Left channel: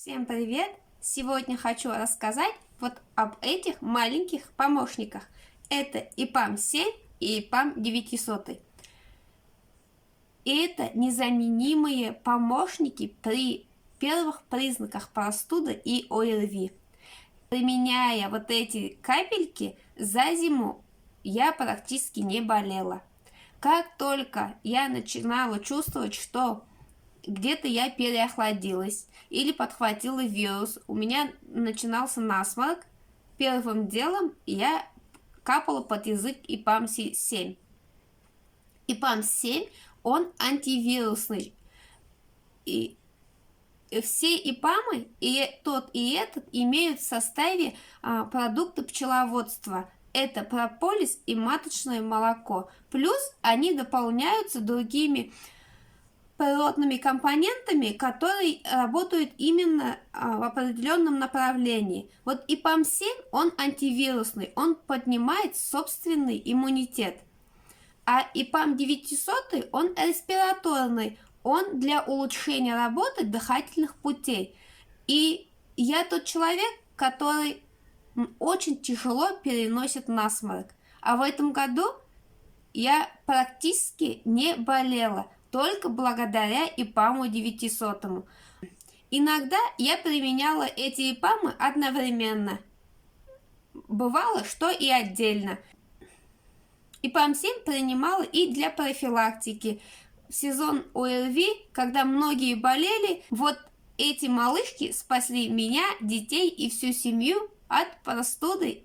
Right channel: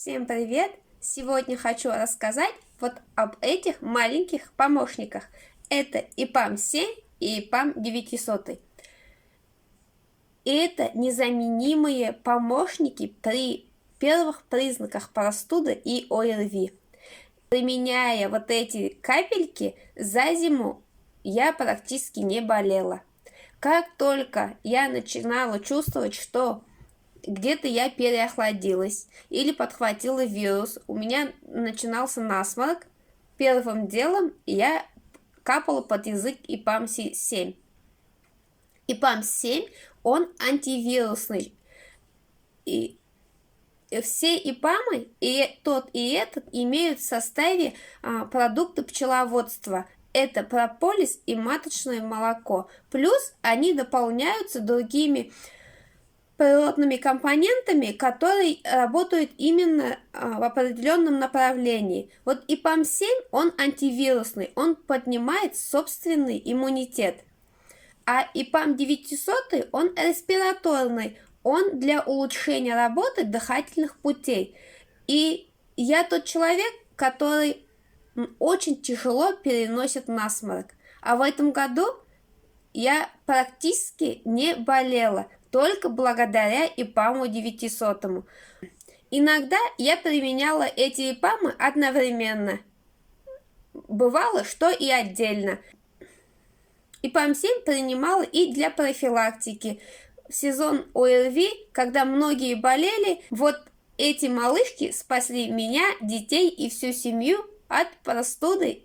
Всем привет! Сегодня хочу рассказать вот об этих маленьких помощниках. Это ИПАМ-7 и ИПАМ-900. Это незаменимые помощники при первых признаках простуды и ОРВИ. Применяя вот эти капельки, за зиму я практически не болела. Как только я начинала чувствовать, что где-то я переохладилась или подхватила вирус, у меня начинался насморк, первым делом я капала под язык ИПАМ-7. ИПАМ-7, он антивирусный. И все ИПАМы, и тот, и этот, имеют в составе продукты пчеловодства. Это прополис и маточное молоко. Плюс они дополняются другими природными компонентами, которые работают именно в определенном направлении. Вот ИПАМ-7, он антивирусный, он поднимает собственный иммунитет. А ИПАМ-900, он респираторный, он для улучшения работы дыхательных путей. И я тот человек, который очень тяжело переносит насморк. А в этом году я практически не болела, только благодаря ИПАМу-900. Иногда я применяла эти ИПАМы одновременно. Бывало, что и отдельно. ИПАМ-7 принимала и для профилактики. В сезон ОРВИ, когда многие болели, вот эти малышки спасли меня, детей и всю семью от простуды,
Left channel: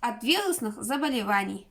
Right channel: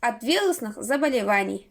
от вирусных заболеваний.